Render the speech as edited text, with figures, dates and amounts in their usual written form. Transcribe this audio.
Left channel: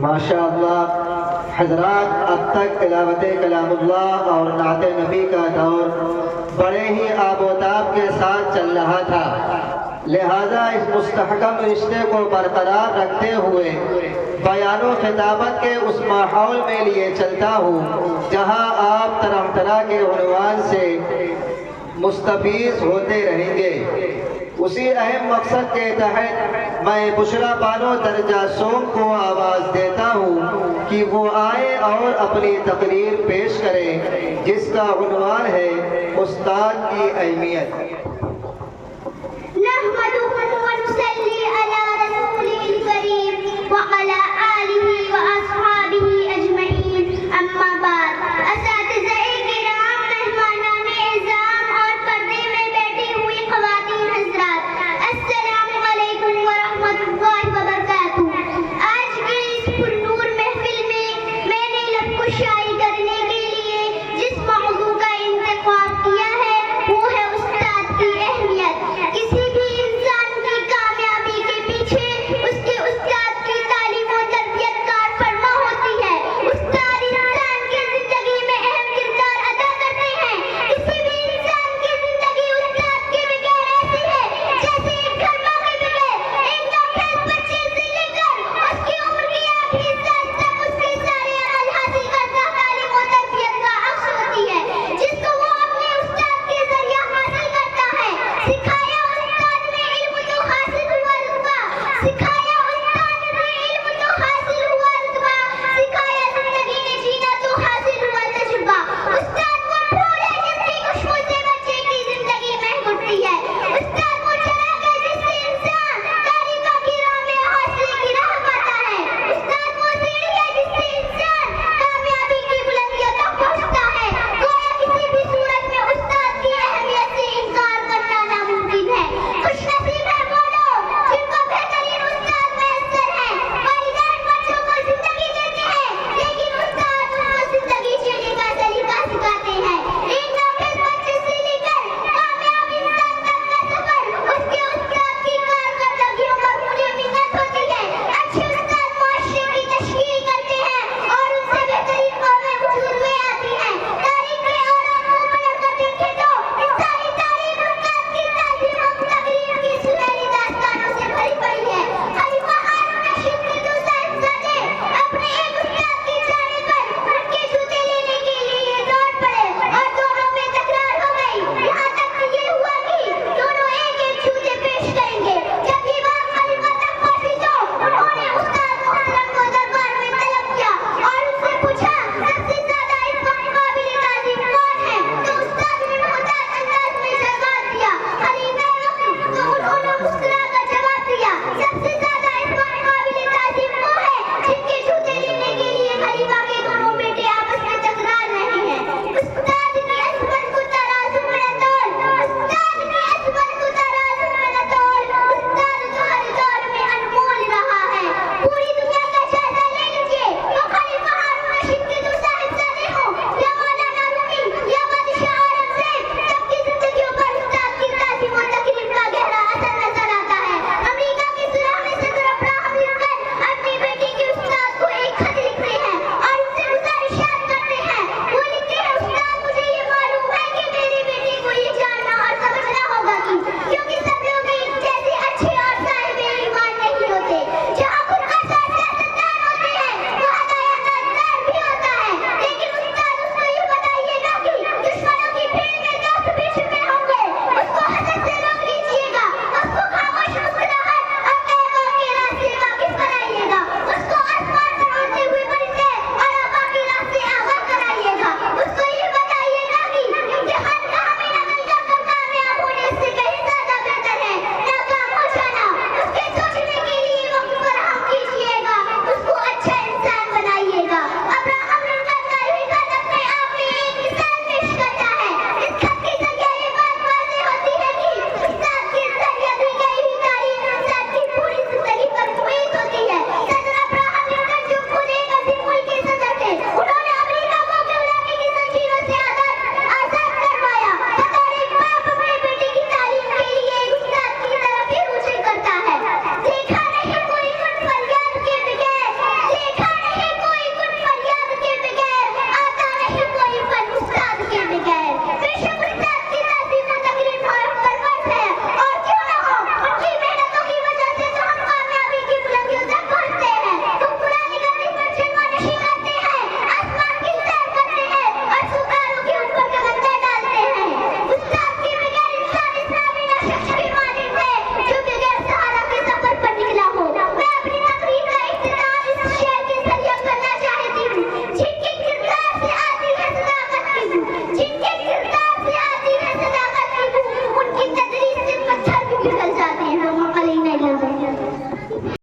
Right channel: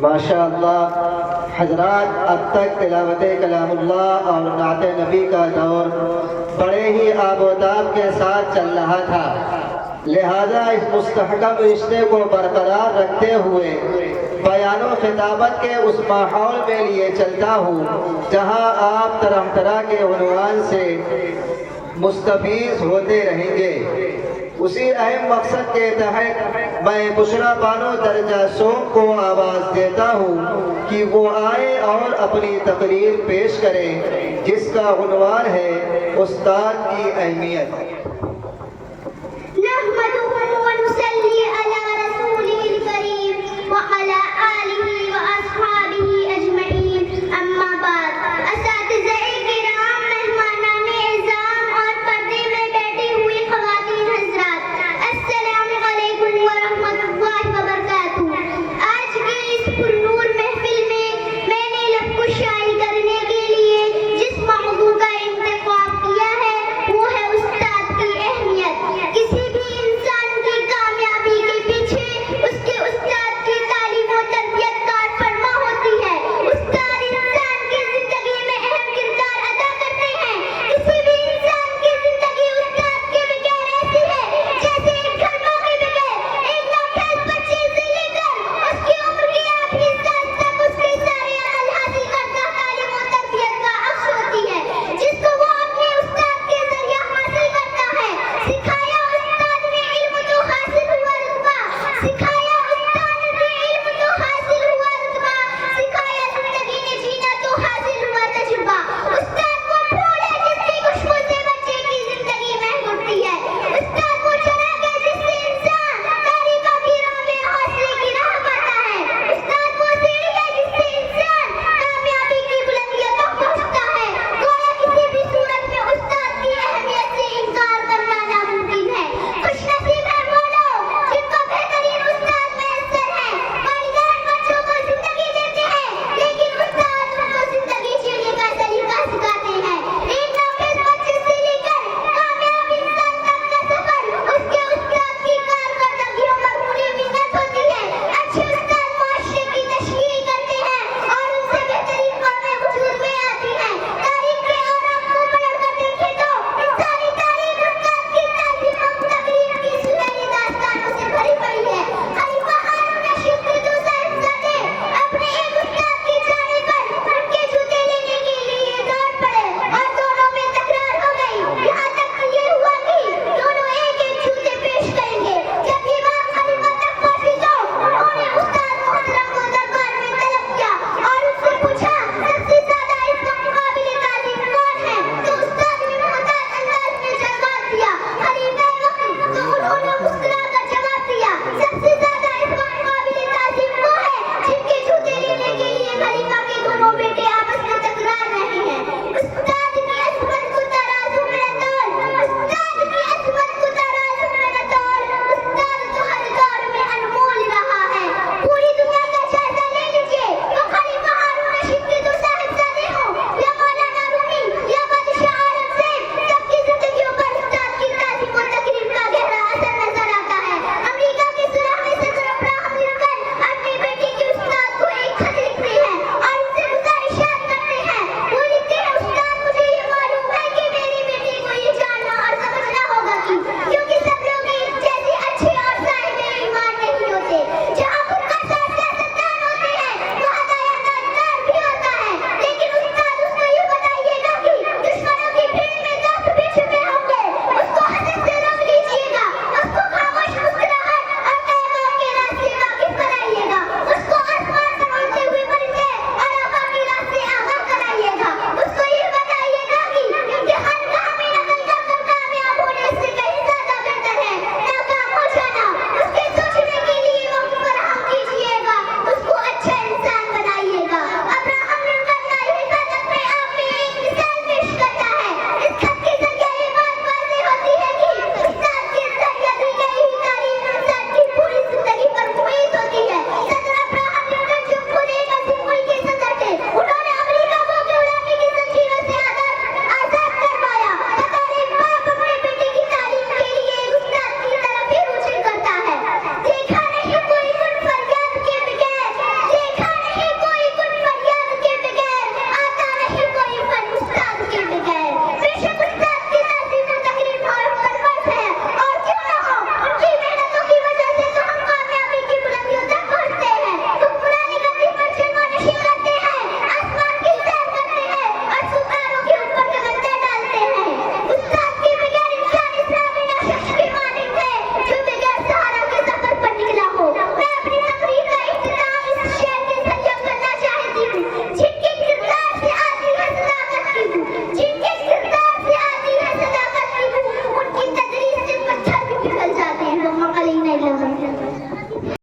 ماشاء اللہ حضرات، اب تک تلاوت کلام اللہ اور نعت نبی کا دور بڑے ہی آب و تاب کے ساتھ چل رہا تھا، لہذا اس مستحکم رشتے کو برقرار رکھتے ہوئے بیان و خطابت کے اس ماحول میں لیے چلتا ہوں جہاں آپ طرح طرح کے عنوان سے مستفیض ہوتے رہیں گے۔ اسی اہم مقصد کے تحت میں بشریٰ بانو درجہ سوم کو آواز دیتا ہوں کہ وہ آئے اور اپنی تقریر پیش کریں، جس کا عنوان ہے استاد کی اہمیت۔